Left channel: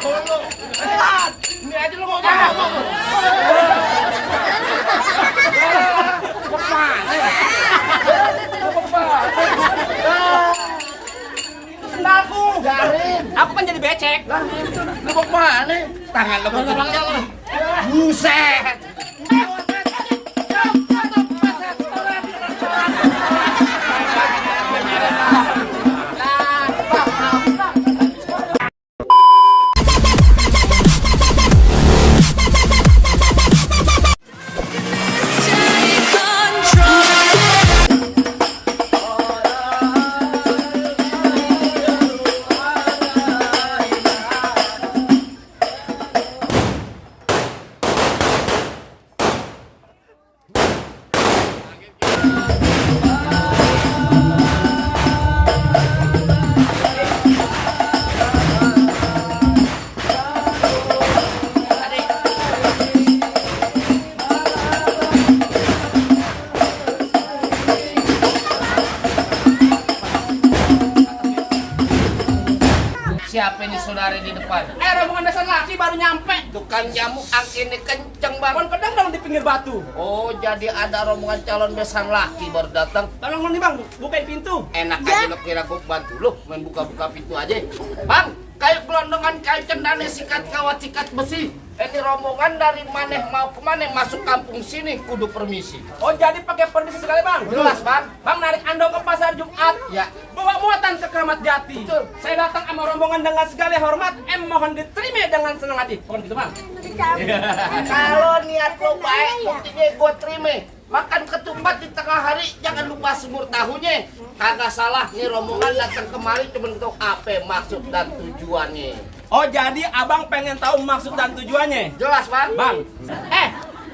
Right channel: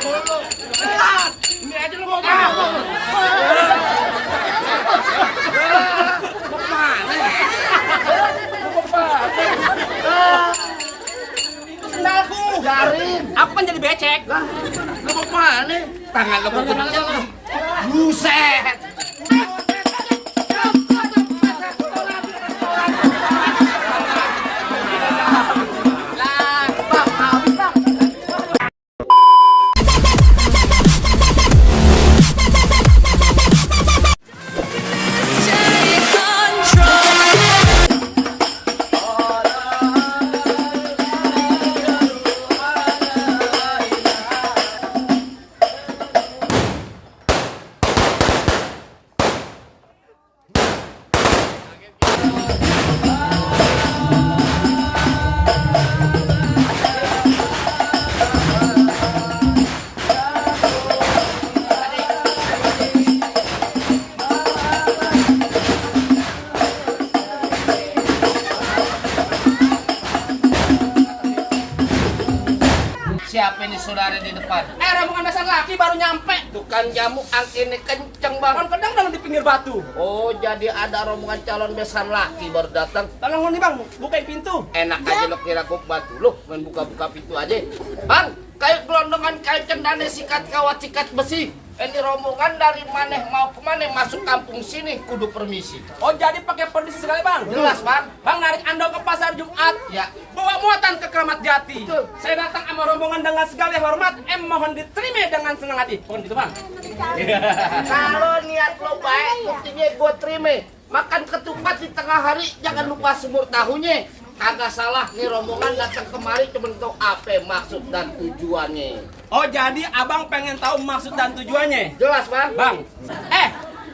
Ini aja lo mau kabur. Kemana? Itu sendalku. Garin. Aku kan jadi becek. Lah, lu mau kemana? Tangan lo mau gede. Buset. Siapa ini saudara di depan? Rombongan dasar laki baru nyampe. Tukang jamu angkinnya kenceng banget. Pohon pedang dengan di pinggir batu. Oh, jadi ada rombongan calon besan laki baru datang. Tolong lu nih bang, bukain pintu. Enak aja lo kira gue bantu lo, main buka-buka pintu aja. Bang, kayak gelondongan kayak cendana sikat kawat sikat besi. Ini rombongan dari maneh mau kemana masuk kampung sini kudu permisi. Oh jadi pakai permisi sekali bang? Jelas bang. Bang narik andong ke pasar Jumat. Ya. Bawa muatan ke Kramat Jati. Betul. Saya datang sama rombongan dengan segala hormat. Mohon diterima dengan senang hati. Mohon gitu bang. Kalau niat lo baik, buktinya gue terima. Makan ketupat di tengah hari, jangan lupa semur tahunya. Kagak salah nih rombongan datang kemari cuma tahu apa maksud dan tujuannya. Oh jadi abang pengen tahu maksud dan tujuannya? Jelas bang. Bang,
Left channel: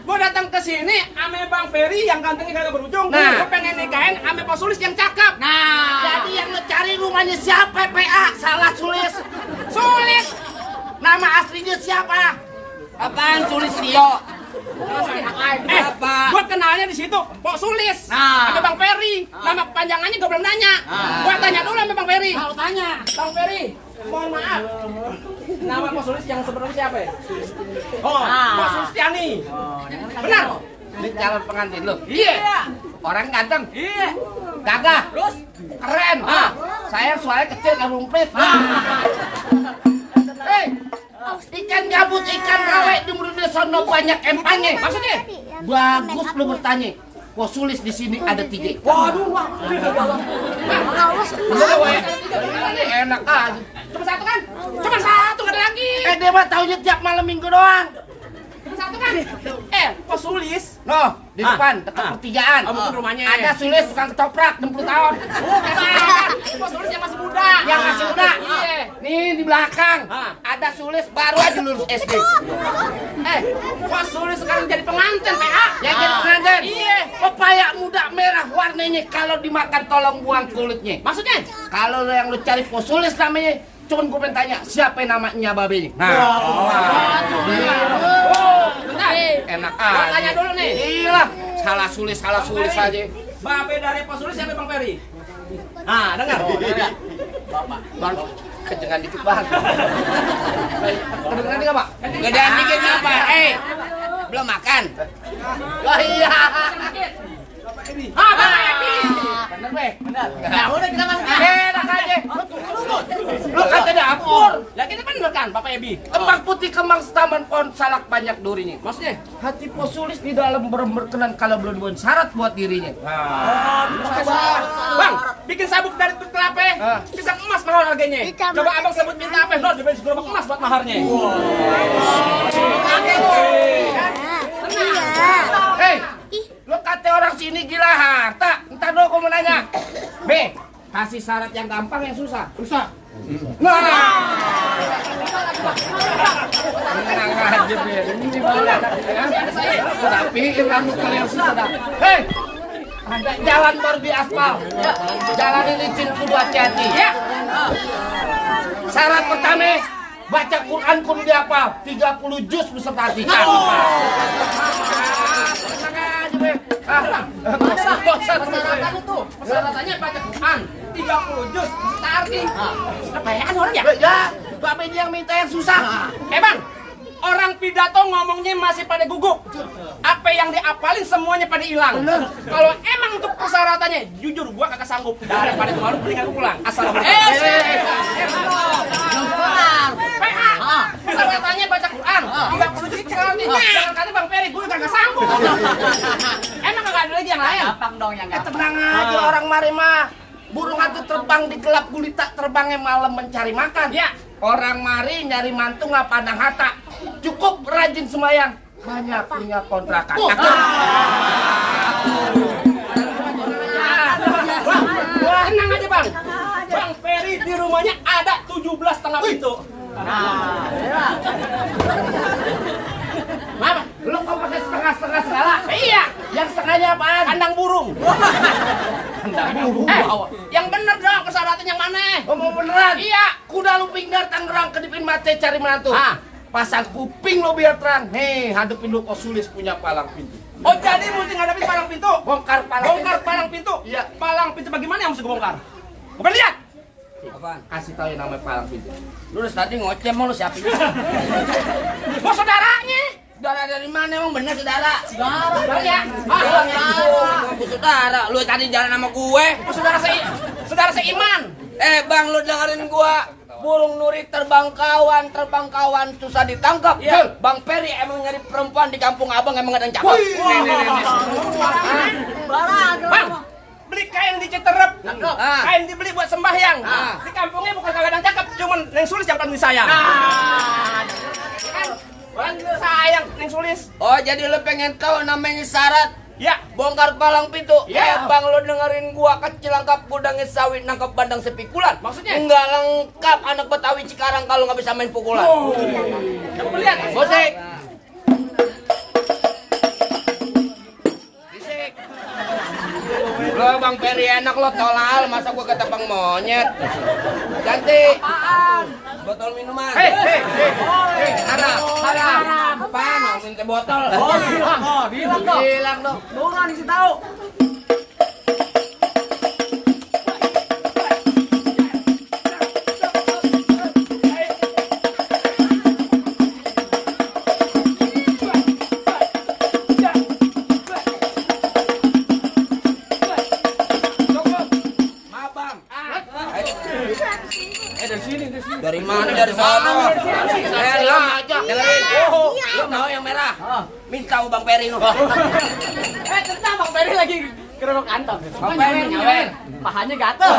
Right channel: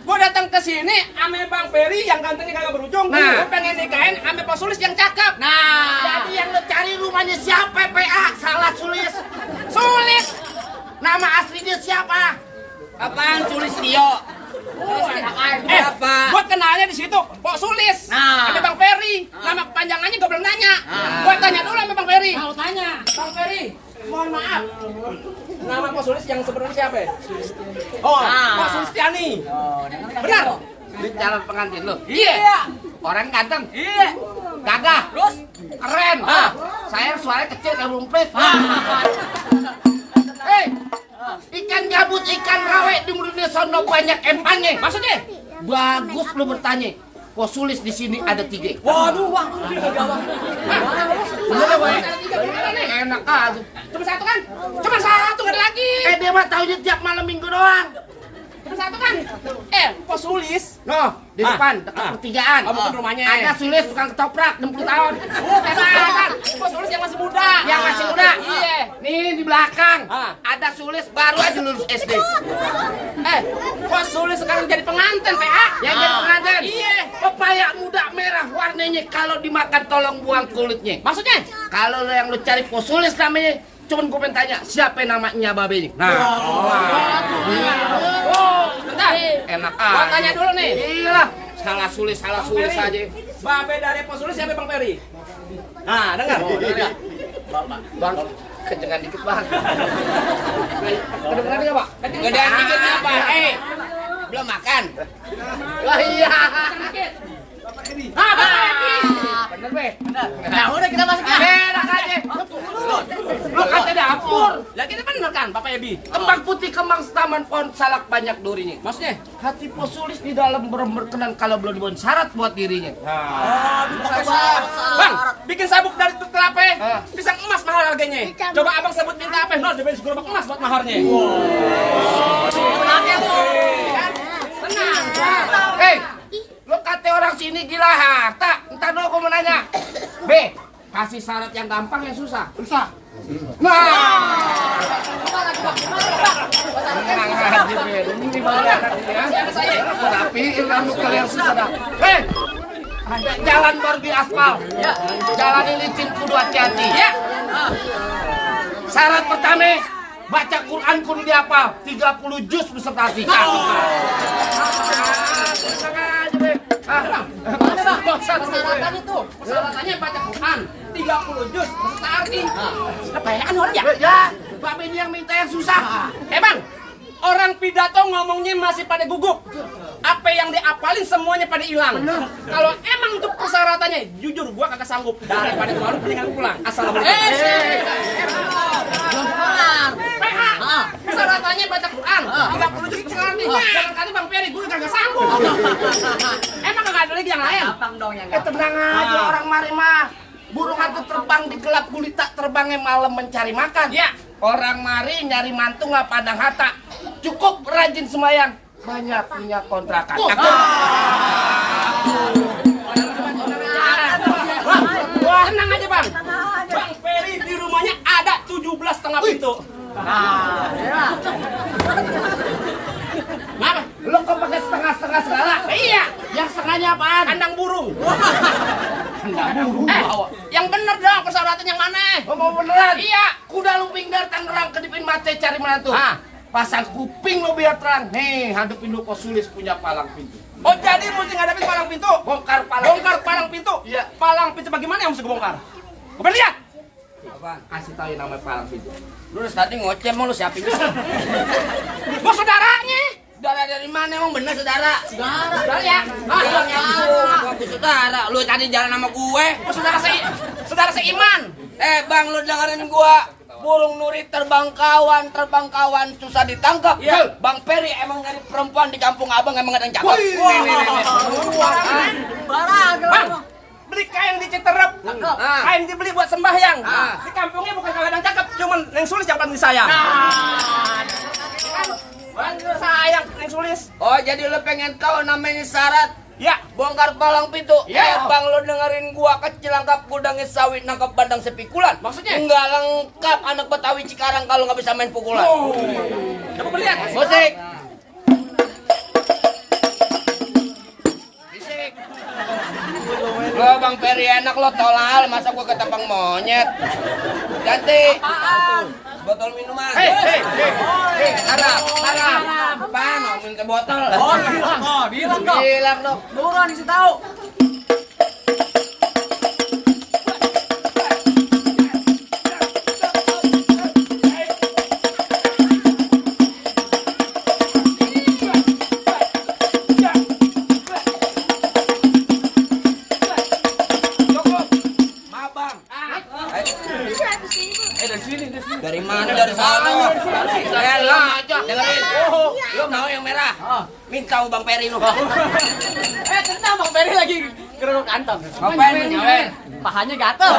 gue datang ke sini ame Bang Ferry yang gantengnya kagak berujung. Nah. Gue pengen nikahin ame Pak Sulis yang cakep. Jadi yang lo cari rumahnya siapa PA? Salah Sulis. Sulis. Nama aslinya siapa? Apaan Sulis Rio? Apa? Gue kenalnya di situ, Pak Sulis. Nah. Ada Bang Ferry. Nama panjangannya gue belum nanya. Gue tanya dulu sama Bang Ferry. Kalau tanya, Bang Ferry, mohon maaf. Nama Pak Sulis yang sebenarnya siapa ya? Oh, Pak Sulistiani. Benar? Ini calon pengantin lo. Iya. Orang ganteng. Iya. Gagah. Terus? Keren. Saya suaranya kecil kayak lumpit. Hei, ikan gabut, ikan rawe di Murunia sono banyak empangnya. Maksudnya? Bagus lu bertanya. Kok Sulis di sini ada 3. Waduh, Bang. Ini enak aja. Cuma satu kan? Cuma satu, nggak ada lagi. Dia mah taunya tiap malam minggu doang. Cuma satu kan? Pak Sulis. Loh, di Ah, depan dekat ah. pertigaan. Oh, bukan rumahnya. Ada Sulis tukang ketoprak 60 tahun. Bukan. Pak Sulis yang masih muda. Yang masih muda. Iya. Nih di belakang. Ah. Ada Sulis baru aja lulus SD. Pak Sulis sekarang jadi pengantin, PA. Yang jadi pengantin. Iya. Pepaya muda merah warnanya kalau dimakan tolong buang kulitnya. Maksudnya? Kalau yang lu cari kok Sulis namanya, cuman gue pengen tanya siapa namanya babenya. Nah, Bentar. enak Gua aja. tanya dulu nih. Gila, salah Sulis aja. Babe dari Pak Sulis siapa Bang Ferry? Nah, dengar. Bang, kencengan dikit bang. Kedengeran nggak pak? Gedean dikit apa? Belum makan. Wah iya. Bapak Edi. Bener nih. Nah, udah kita masuk ya. Enak aja. Lu kata dapur. Ya kita bener kan Bapak Edi? Kembang putih, kembang setaman, pohon salak banyak durinya. Maksudnya? Hati Pak Sulis di dalam berkenan kalau belum dibuat syarat buat dirinya. Bang, bikin sabuk dari tut kelapa, pisang emas mahal harganya. Coba abang sebut minta apa? Bro, dibeli gerobak emas buat maharnya. Hei, lu kata orang sini gila harta. Entar dulu aku mau nanya. B, kasih syarat yang gampang yang susah. Susah. Nah, tenang aja Ben. Ini baru enak ya. Rapiin rambut kalian susah dah. Hei, ada jalan baru di aspal. Jalan ini licin kudu hati-hati. Ya. Syarat pertama, baca Quran kudu dihafal 30 juz beserta artikel. Persyaratannya itu. Persyaratannya baca Quran 30 juz beserta arti. Kebanyakan orang ya? Ya, Bapak yang minta yang susah. Bang, orang pidato ngomongnya masih pada gugup. Apa yang diapalin semuanya pada hilang. Kalau emang untuk persyaratannya, jujur gua kagak sanggup. Daripada kemarin mending aku pulang. Assalamualaikum. Belum kelar. Persyaratannya baca Quran. 30 juz beserta artinya. Jangan kata Bang Ferry, gua kagak sanggup. Emang kagak ada lagi yang lain? Gampang dong yang gampang. Tenang aja orang mari mah. Burung itu terbang di gelap gulita, terbangnya malam mencari makan. Ya. Orang mari nyari mantu nggak pandang hata. Cukup rajin semayang, banyak punya kontrakan. Tenang aja Bang. Bang Ferry di rumahnya ada 17,5 pintu. Kenapa? Lo kok pakai setengah-setengah segala? Iya, Yang setengahnya apaan? kandang burung. Yang bener dong persyaratan yang mana? Oh, mau beneran? Iya. Kuda lumping dar Tangerang kedipin mate cari menantu. Ah. Pasang kuping lo biar terang. Hei, hadapin lo Kosulis punya palang pintu. Oh jadi mesti ngadepin palang pintu. Bongkar palang Bongkar palang pintu. Iya. Palang pintu bagaimana yang mesti gue bongkar? Coba lihat. Apaan? Kasih tahu yang namanya palang pintu. Lu udah tadi ngoceh mau lu siapin. Bos saudaranya. Saudara dari mana emang bener saudara? Saudara ya. Aku saudara. Lu tadi jalan sama gue. Oh, saudara seiman. Bang, lu dengerin gua. Burung nuri terbang kawan susah ditangkap. Iya. Bang Ferry emang nyari perempuan di kampung abang emang ada yang cakep. Bang, beli kain di Citerep. Kain dibeli buat sembahyang. Di kampungnya bukan kagak ada yang cakep, cuman Neng Sulis yang paling disayang. Paling sayang Neng Sulis. Oh, jadi lu pengen tahu namanya syarat Ya. bongkar palang pintu? Iya. Bang, lu dengerin gua, kecil lengkap gudangnya sawit nangkap bandang sepikulan. Maksudnya? Enggak lengkap anak Betawi Cikarang kalau nggak bisa main pukulan. Coba lihat. Musik. Lo Bang Ferry enak lo tolal, masa gua ketepang monyet. Ganti. Botol minuman. Hei. Haram. Apaan? Mau minta botol? Oh, bilang dong. Bilang dong. Buruan isi tahu. Dari mana? Dari sana. Lo dengerin. Lo mau yang merah? Minta sama Bang Ferry lo. Kita Bang Ferry lagi kerungu kantong. Ngapain lu nyawer? Pahanya gatel.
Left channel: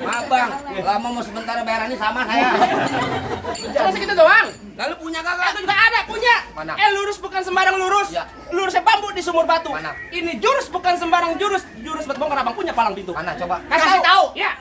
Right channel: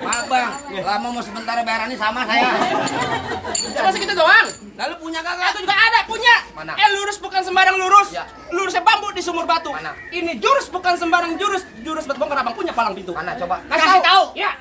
Maaf Bang, lama mau sebentar bayarannya sama saya. Cuma segitu doang. Lalu punya kagak? Itu juga ada punya. Mana? Lurus bukan sembarang lurus. Ya. Lurusnya bambu di sumur batu. Mana? Ini jurus bukan sembarang jurus. Jurus buat bongkar abang punya palang pintu. Mana coba? Kasih tahu. Ya.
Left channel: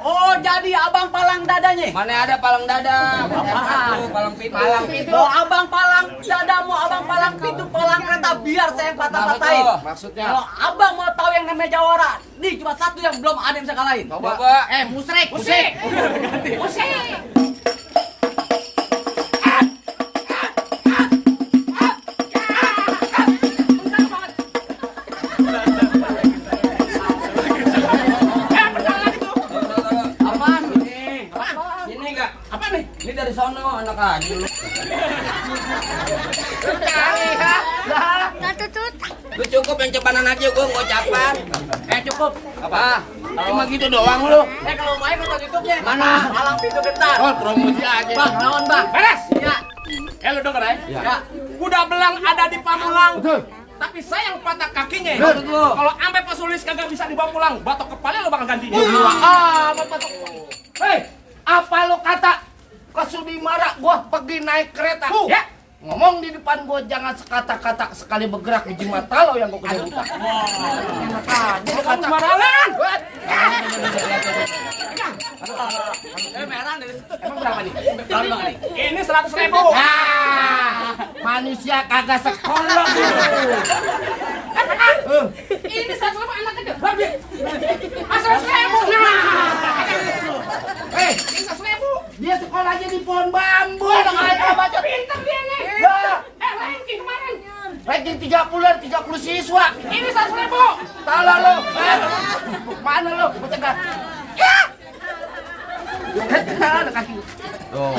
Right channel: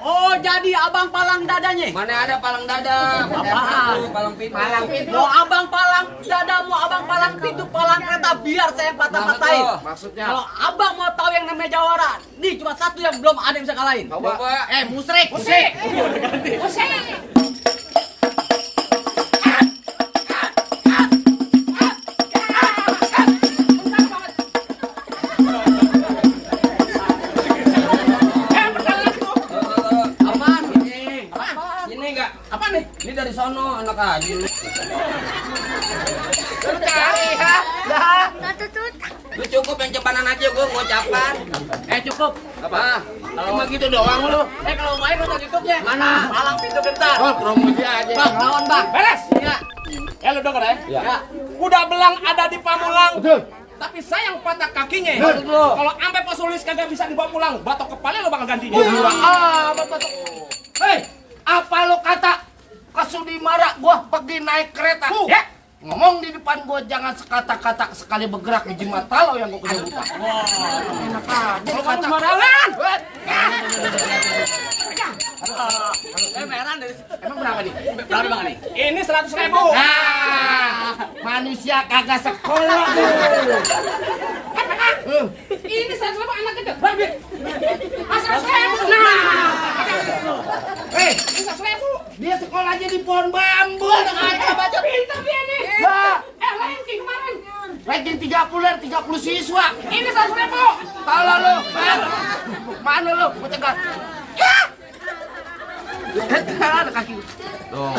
Oh, jadi abang palang dadanya. Mana ada palang dada? Apaan? Palang pintu. Palang pintu. Mau abang palang dada, mau abang palang pintu, palang kereta, biar saya yang patah-patahin. Maksudnya? Kalau abang mau tahu yang namanya jawara, nih cuma satu yang belum ada yang bisa kalahin. Coba. Musrik. Musik. Udah ganti. Musik. Apaan? Ini enggak? Apa nih? Ini dari sono anak aja lu. Cari ha. Lah. Lu cukup yang cepanan aja gua mau capan. Cukup. Apa? Cuma gitu doang lu. Kalau main nonton YouTube-nya. Mana? Palang pintu gentar. Oh, promo dia aja. Bang, lawan bang. Beres. Iya. Lu denger ya? Ya. Kuda belang ada di Pamulang. Betul. Tapi sayang patah kakinya. Betul. Kalau sampai Pak Sulis kagak bisa dibawa pulang, batok kepala lo bakal gantinya. Batuk. Hei, apa lo kata? Kesudi marah gua pergi naik kereta. Ya. Ngomong di depan gua jangan sekata-kata sekali bergerak di mata lo yang gua kena buta. Enak aja lo kata. Sembarangan. Merah dari situ. Emang berapa nih? Berapa bang nih? Ini 100.000. Nah, manusia kagak sekolah lu. Ini 100.000 anak kecil. Babi. 100.000. Nah. Hei, Ini 100.000. dia sekolahnya di pohon bambu. Udah nggak baca pintar dia nih. Ya, Ranking kemarin. ranking 30 dari 30 siswa. Ini 100.000. Tala lo, mana lo? Gua cegah. Ya, Ada kaki. Tuh.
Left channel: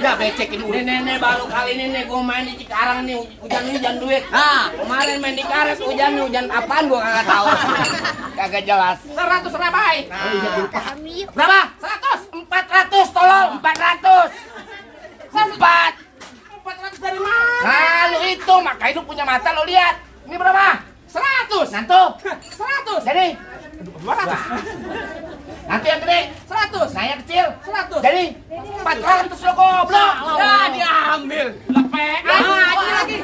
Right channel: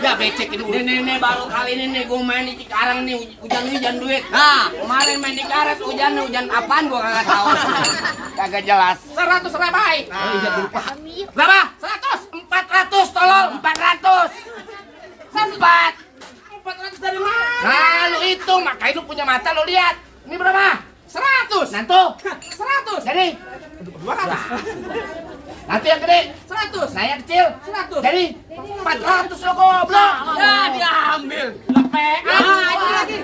Ya becek ini. Nih baru kali ini nih gue main di Cikarang nih hujan duit. Nah, kemarin main di Karet hujan apaan gue kagak tahu. Kagak jelas. 100 rabai. Oh iya gue lupa. Berapa? 100. 400 tolong 400. 400 dari mana? Nah lu itu makanya lu punya mata lu lihat. Ini berapa? 100. Nantu. 100. Jadi 200. nanti yang gede 100. saya kecil 100. jadi 400 lo goblok. Ya diambil. Lepek. Ini lagi.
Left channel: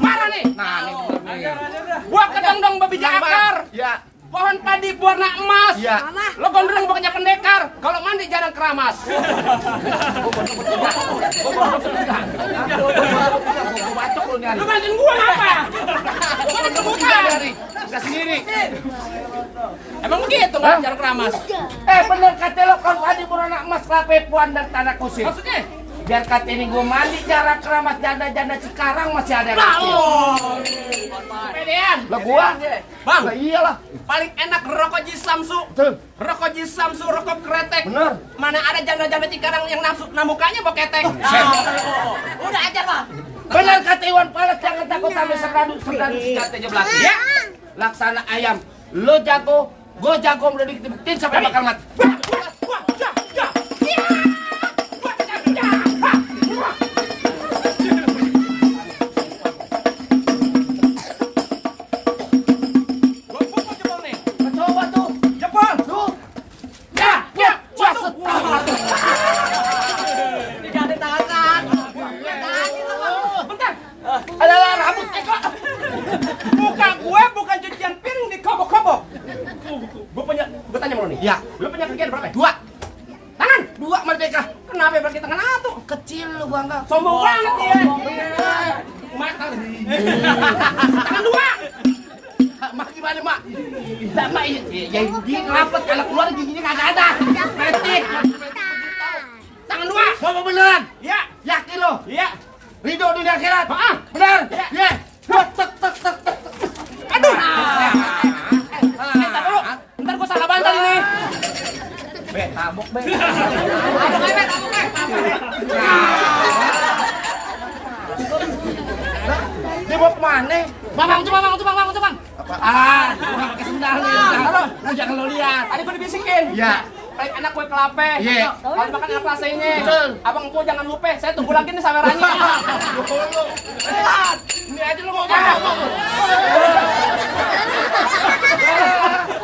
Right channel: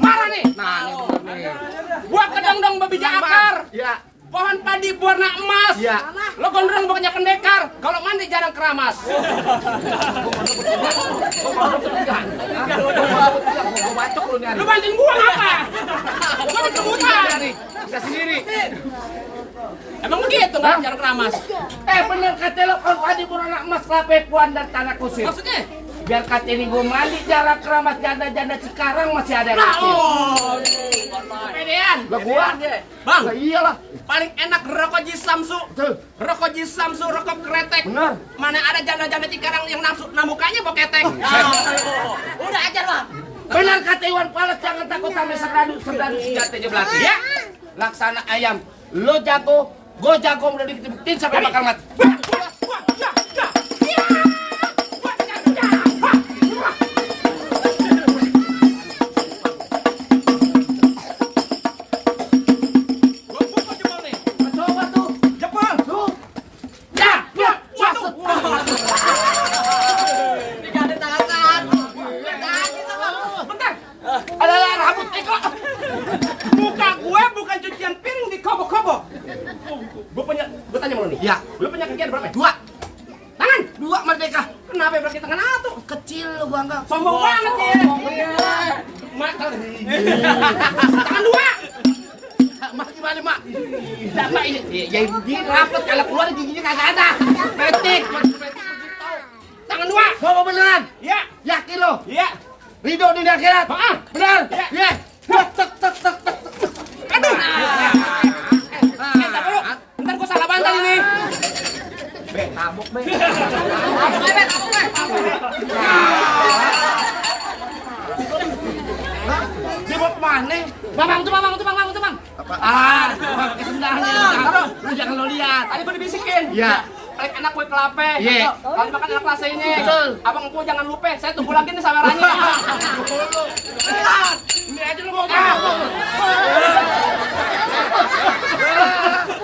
Marah nih. Nah ini. Gua kedong-dong babija akar. Ya. Pohon padi berwarna emas. Iya. Lo gondrong bukannya pendekar. Kalau mandi jarang keramas. Gua bacok lu nih. Lu bantuin gua apa? Gua ada kebutuhan. Sendiri. Emang begitu nggak jarang keramas? Bener kata lo kalau padi berwarna emas kelapepuan dan tanah kusir. Maksudnya? Biar kata ini gua mandi jarang keramas janda-janda sekarang masih ada kecil. Pedean. Lah gua Bang, lah iyalah. paling enak rokok Jisamsu. Betul. Rokok Jisamsu, rokok kretek. Bener. Mana ada janda-janda Cikarang yang nafsu, nah mukanya boketek. Udah ajar Bang. Bener kata Iwan Fals jangan takut sama serdadu senjatanya belakang. Ya. Laksana ayam. Lo jago, gue jago udah dibuktiin sampai bakal mati. Coba tuh, Jepang. tuh. Ya, masuk. Bentar. Adalah rambut Eko. Muka gue bukan cucian piring di kobok-kobok. Gue tanya sama lo nih. Ya. Lu punya kerjaan berapa? 2. Tangan. 2 merdeka. Kenapa berarti tangan satu? Kecil lu bangga. Sombong banget dia. Mata. Tangan 2. Mak gimana mak? Tidak mak, ya begini rapet kalau keluar giginya kagak ada. Pretik, Tangan 2. Bawa beneran? Iya. Yakin lo? Iya. Ridho dunia akhirat? Heeh. Bener? Iya. Iya. Wah, tek. Aduh. Bentar dulu. Bentar gue salah bantal ini. Be, tabok be. Dia bawa kemana? Bang. Apaan? Gua pakai sendal nih. Taruh, lu jangan lo lihat. Tadi gue dibisikin. Iya. Paling enak kue kelape. Iya. Kalau dimakan enak rasa ini. Betul. Abang Empu jangan lupa, saya tunggu lagi nih sawerannya. Lihat. Ini aja lo mau kemana?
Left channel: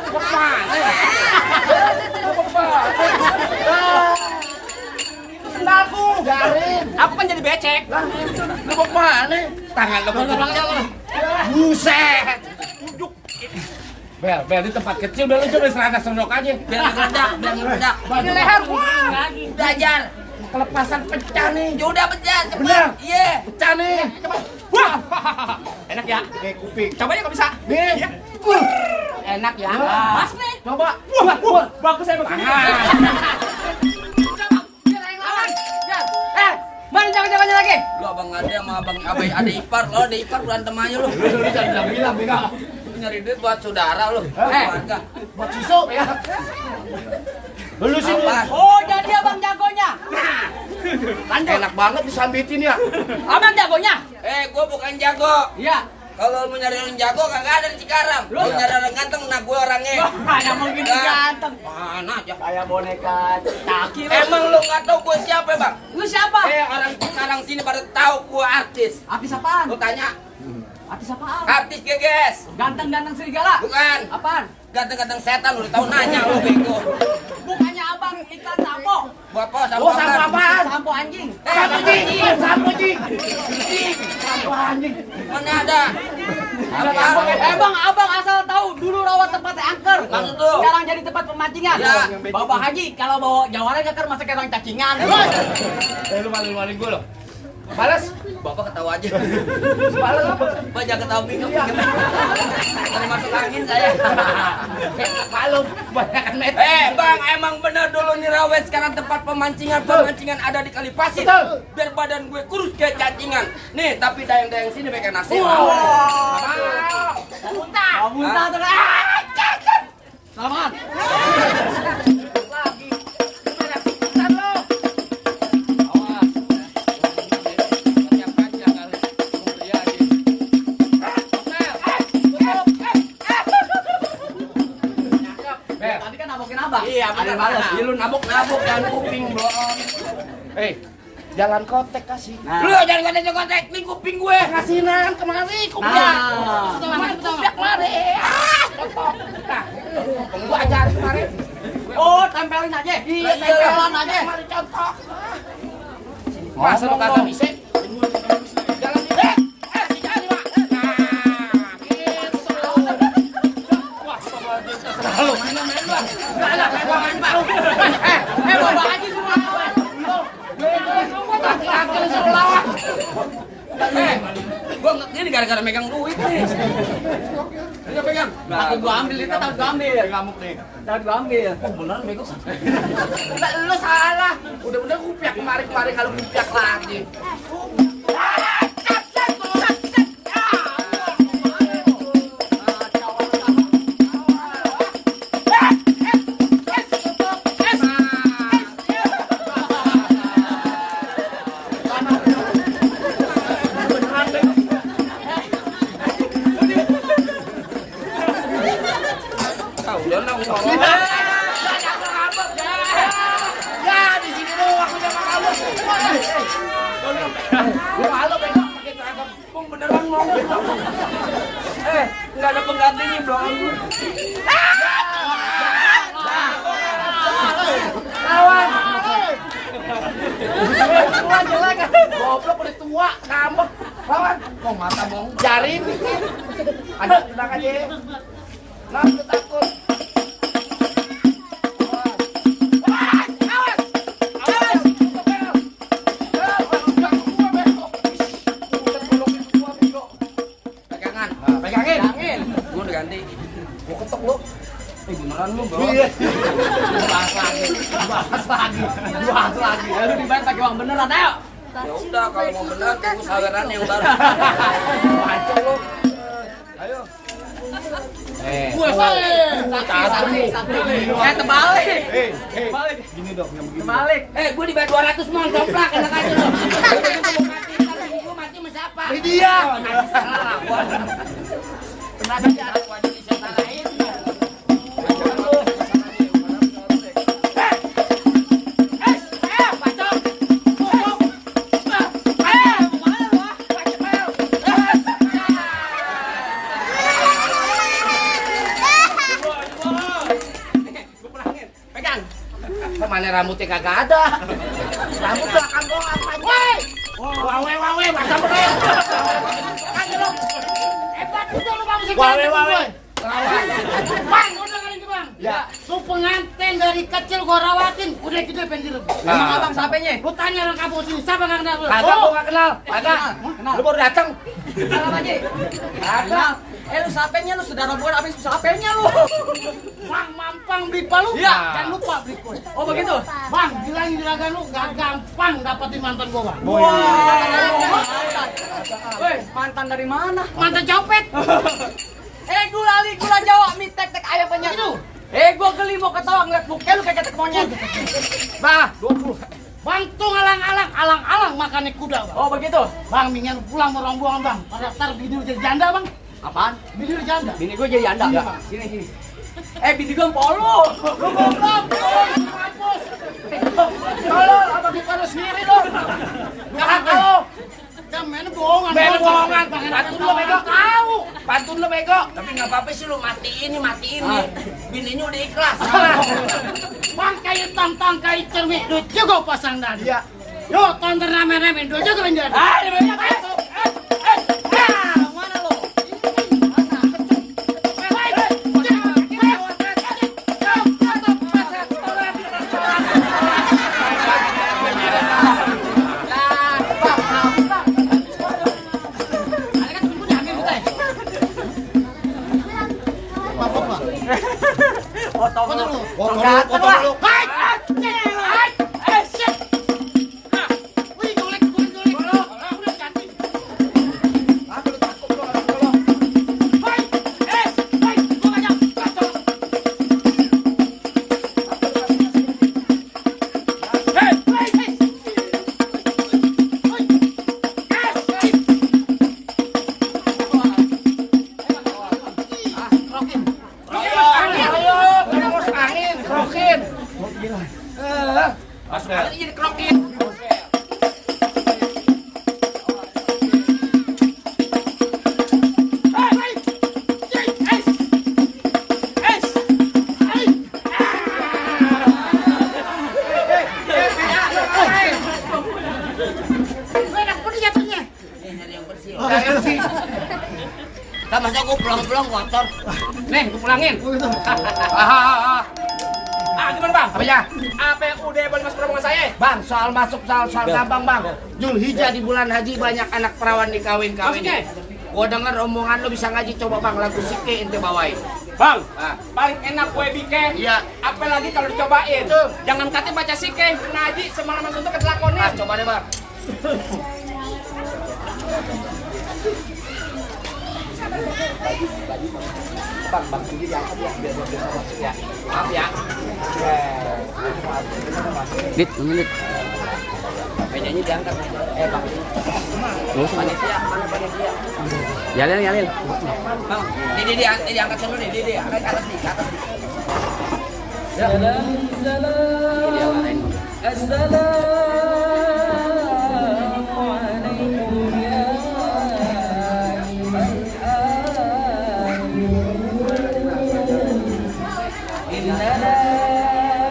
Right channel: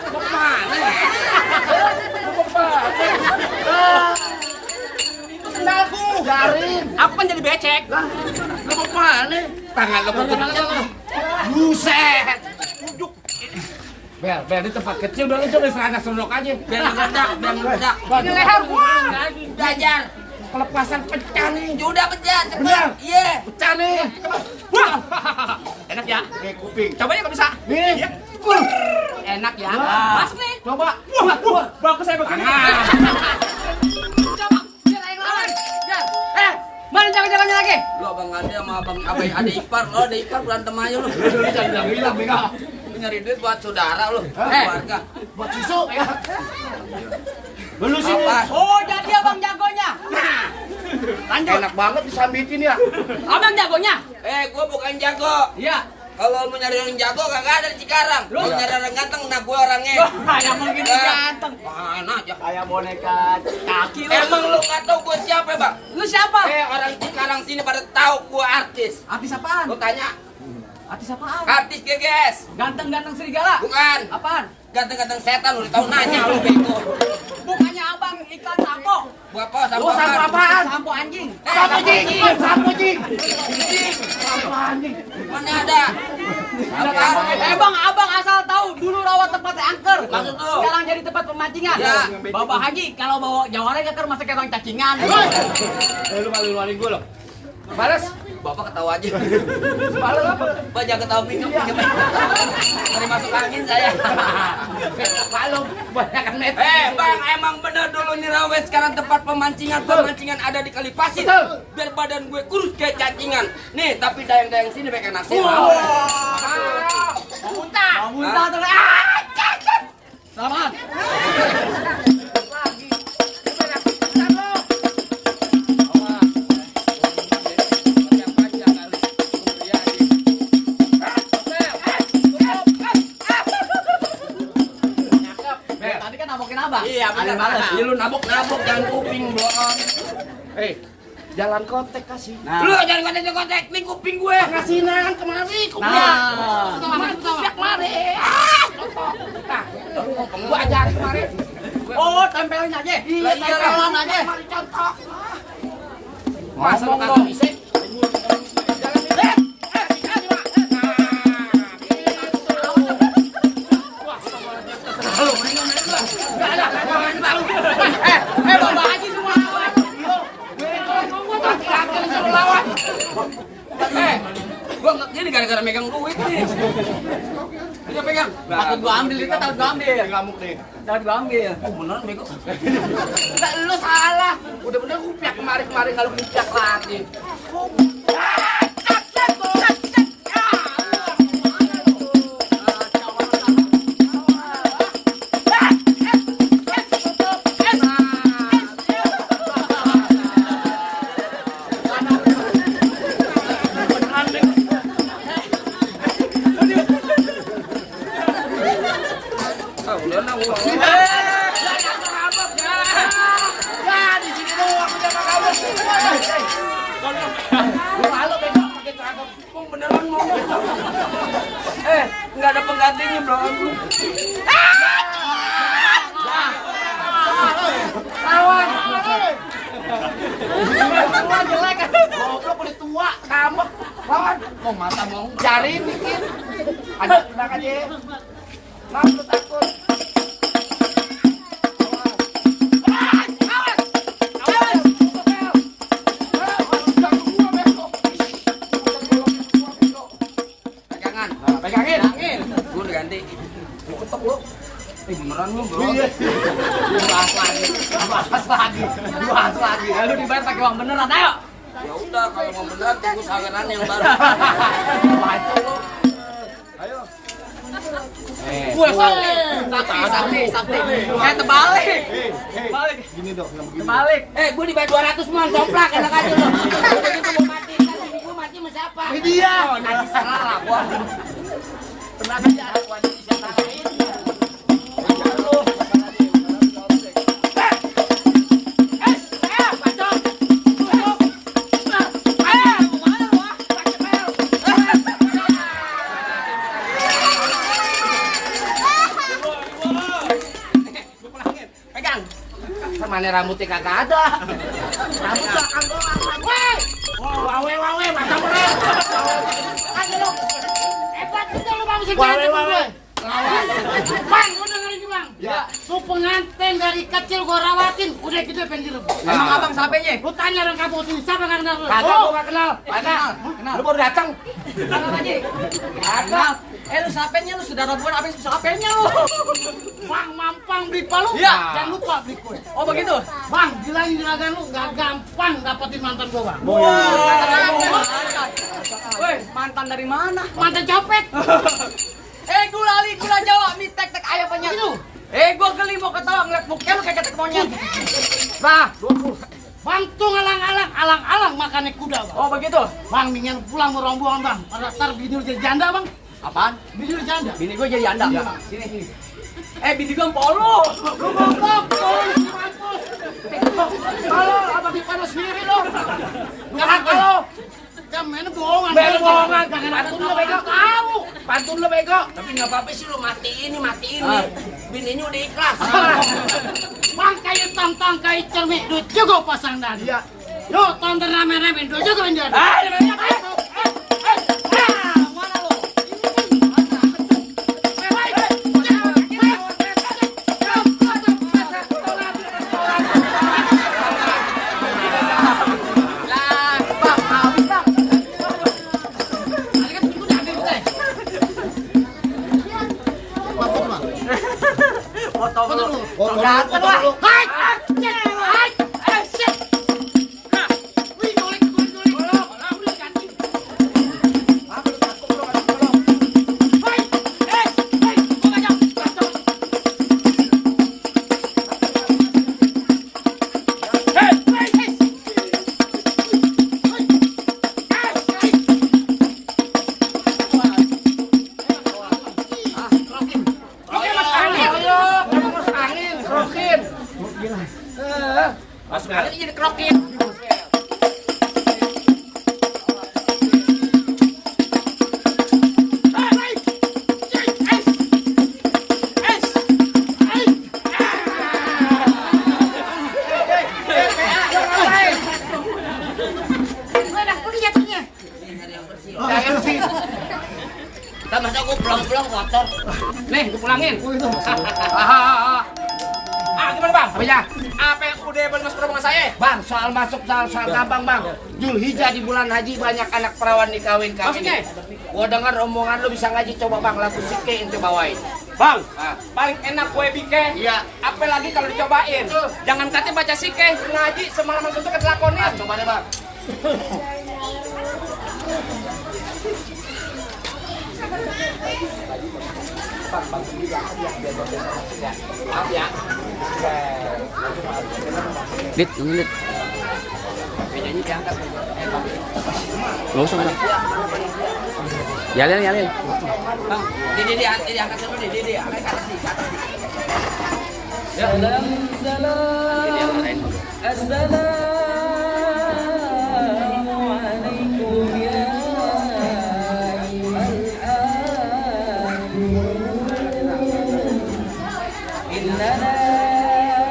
Mau kemana? Mau kemana? Itu sendalku. Garing. Aku kan jadi becek. Lah, lu mau kemana? Tangan lu begitu. Buset. Bel, di tempat kecil udah lu coba serana sondok aja. Biar meledak. Ini leher gua. Belajar. Kelepasan pecah nih. Udah pecah cepet. Bener. Iya. Pecah nih. Wah. Enak ya. Kuping. Coba ya kalau bisa. Nih. Iya. Enak ya. Masuk nih. Coba. Wah. Bagus saya begini. Mana jago-jagonya lagi? Lu abang ada sama abang ada ipar, lo ada ipar berantem aja lu. Jangan bilang, Bega. Nyari duit buat saudara lu, keluarga. Buat susu ya. Lu sini. Apa? Oh, jadi abang jagonya. Lanjut. Enak banget disambitin ya. Abang jagonya. Gua bukan jago. Iya. Kalau mau nyari orang jago kagak ada di Cikarang. Lu nyari orang ganteng, nah gue orangnya. Kayak mungkin Nah. ganteng. Mana aja. Kayak boneka kaki lu. Emang lu nggak tahu gue siapa bang? Lu siapa? Orang Cikarang sini pada tahu gue artis. Artis apaan? Lu tanya, Artis apaan? artis geges. Ganteng-ganteng serigala. Bukan. Apaan? Ganteng-ganteng setan lu tahu nanya lu bego. Bukannya abang ikan sampo. Bapak sama Oh, sampo apaan? Sampo anjing. Sampo jing. Sampo jing. Sampo anjing. Mana ada? Apaan? Bang, abang asal tahu dulu rawa tempatnya angker. Maksud lu? Sekarang jadi tempat pemancingan. Ya. Bawa Haji kalau bawa jawaran angker masa kayak orang cacingan. Lu malu-maluin gue loh. Balas. Bapak ketawa aja. Balas apa? Banyak ketawa minum. Tadi masuk angin saya. Malu. Banyak net. Bang, emang bener dulu nih Rawe sekarang tempat pemancingan ada di Kali Pasir. Betul. Biar badan gue kurus kayak cacingan. Nih, tapi dayang-dayang sini pakai nasi. Mau muntah terus. Selamat. nabuk jangan kuping belum. Jalan kontek kasih. Lu jangan kontek, nih kuping gue. Ngasinan kemari kuping. Nah, Kupiak kemari. Kotok. Nah, gua ajarin kemarin. Oh, tempelin aja. Iya, Tempelan aja. Kemari contok. Masa lu kagak bisa? Jalan ini. Jangan nih, Mak. Enggak ada, gua enggak tahu. Bawa aja semua. Gua ini gara-gara megang duit nih. Dia pegang. Nah, gua ambil itu, tak gua ambil. Ngamuk nih. Tak gua ambil. Oh beneran bego. Enggak, lu salah. Udah bener kupiak kemari kalau kupiak lagi. Udah nang gua. Ya, di sini doang udah malu. Lu malu bego pakai seragam. Bang beneran mau. Enggak ada penggantinya, Bro. Kawan. Tua jelek. Goblok udah tua, ngambek. Kawan, Kok mata mau? jari dikit. Aduh, tenang aja. Mas, lu takut. Pegangan. Pegangin. Gua udah ganti. Gua ketok lu. Beneran lu, Bro. Bahas lagi. Ya lu dibayar pakai uang beneran, ayo. Ya udah kalau mau bener tunggu saweran yang baru. Bacok lu. Ayo. Terbalik. Gini dong, yang begini. Terbalik. Gua dibayar 200 mon coplak enak aja lu. Udah gitu mau mati, kalau gua mati sama siapa? Dia. Oh, nanti salah gua. Tenang aja, gua ada di sana. Mana rambutnya kagak ada. Rambut belakang doang. Woi. Wawe, macam mana? Hebat itu lu Bang segala gue. Bang, udah dengerin Bang. Ya. Su pengantin dari kecil gua rawatin, udah gede pengen direbut. Emang abang siapanya? Lu tanya orang kampung sini, siapa nggak kenal lu? Kagak, gua nggak kenal. Kenal. Kenal. Lu baru datang. Kenal lagi. Kenal. Lu siapanya lu saudara gua habis siapanya lu. Bang, mampang beli palu. Iya. Jangan lupa beli kue. Oh begitu. Bang, bilangin juragan lu nggak gampang dapetin mantan gua, Bang. Mantan. Woi, mantan dari mana? Mantan copet. Gula Jawa, mie tek ayam banyak lu. Gua geli mau ketawa ngeliat muka lu kayak ketek monyet. Nah, bantu alang-alang makannya kuda, Bang. Oh begitu. Bang, mendingan pulang mau rombongan, Bang. Pada ntar bini lu jadi janda, Bang. Apaan? Bini lu janda. Bini gua jadi janda. Iya, Bang. Sini. Bini gua polo. Lu goblok, tolong di mampus. Tolong, apa di panas sendiri dong. Jangan kalau. Jangan main bohongan. Jangan ada lu bego tahu. Pantun lu bego. Tapi nggak apa-apa sih lu matiin. Bininya udah ikhlas. Bang, kayak tantang kayak cermin. Duit juga pasang tadi. Iya. Yo, tonton rame-rame. Duit juga ini ada. Mana lu? Potong lu. Ganteng lah. Jangan sih. Sama saya gue pulang-pulang kotor. Nih, gue pulangin. Gimana bang? Apa ya? Apa udah boleh masuk rombongan saya? Bang, soal masuk soal gampang bang. Julhijjah di bulan haji banyak anak perawan dikawin-kawin. Maksudnya? Gua dengar omongan lu bisa ngaji, coba bang lagu Sike ente bawain. Bang, Ah. paling enak gue bikin. Iya. Apalagi kalau dicobain. Jangan kata baca sike, ngaji semalaman kentut ketelakonin. Ah, coba deh bang. Bang, sendiri aku ya, biar ya. Maaf ya. Dit, menit. Mejanya diangkat. Bang. Gak usah. Nyalin. Bang, ini diangkat sama nih, ini angkat ke atas nih, ke atas nih. Salam, salam, assalamualaikum ya innana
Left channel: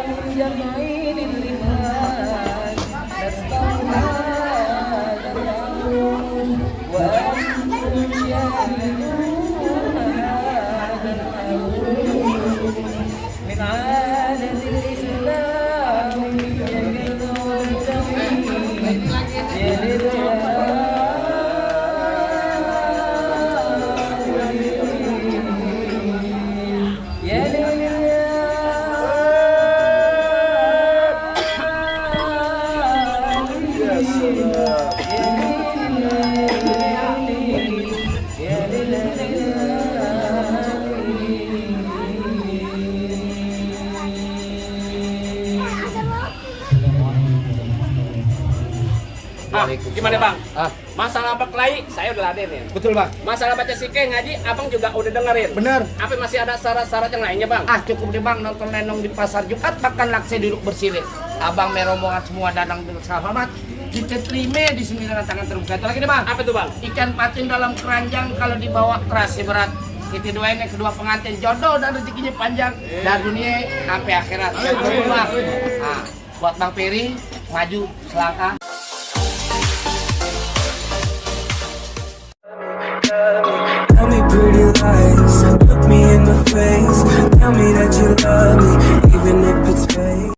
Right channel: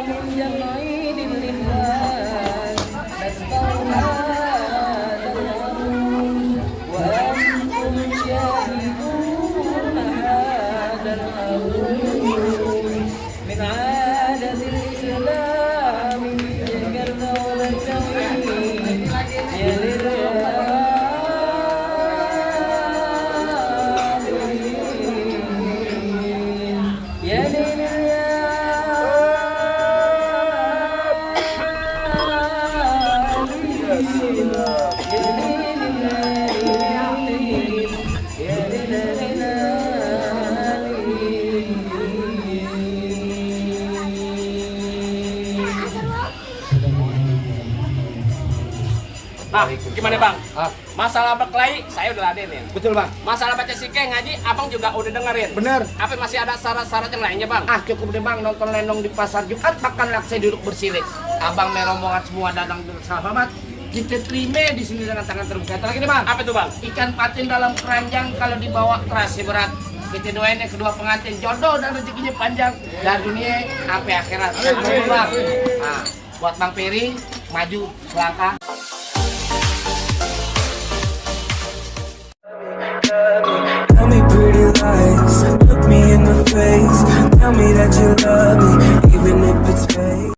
min jam'il liman nastawna wa antum syahiduna hadal من عادة الإسلام يا ليل Gimana bang? Masalah berkelahi, saya udah laden ya. Betul bang. Masalah baca sike ngaji, abang juga udah dengerin. Bener. Apa masih ada syarat-syarat yang lainnya bang? Cukup deh bang, nonton lenong di pasar Jumat, makan lakse duduk bersirih. Abang merombongan semua dadang duduk selamat. Kita terima di sini dengan tangan terbuka. Itu lagi deh bang. Apa itu bang? Ikan patin dalam keranjang kalau dibawa terasa berat. Kita doain yang kedua pengantin jodoh dan rezekinya panjang dari dunia sampai akhirat. Bang. Nah, buat Bang Peri maju selangkah. Tell me pretty lies, look me in the face. Tell me that you love me, even if it's fake.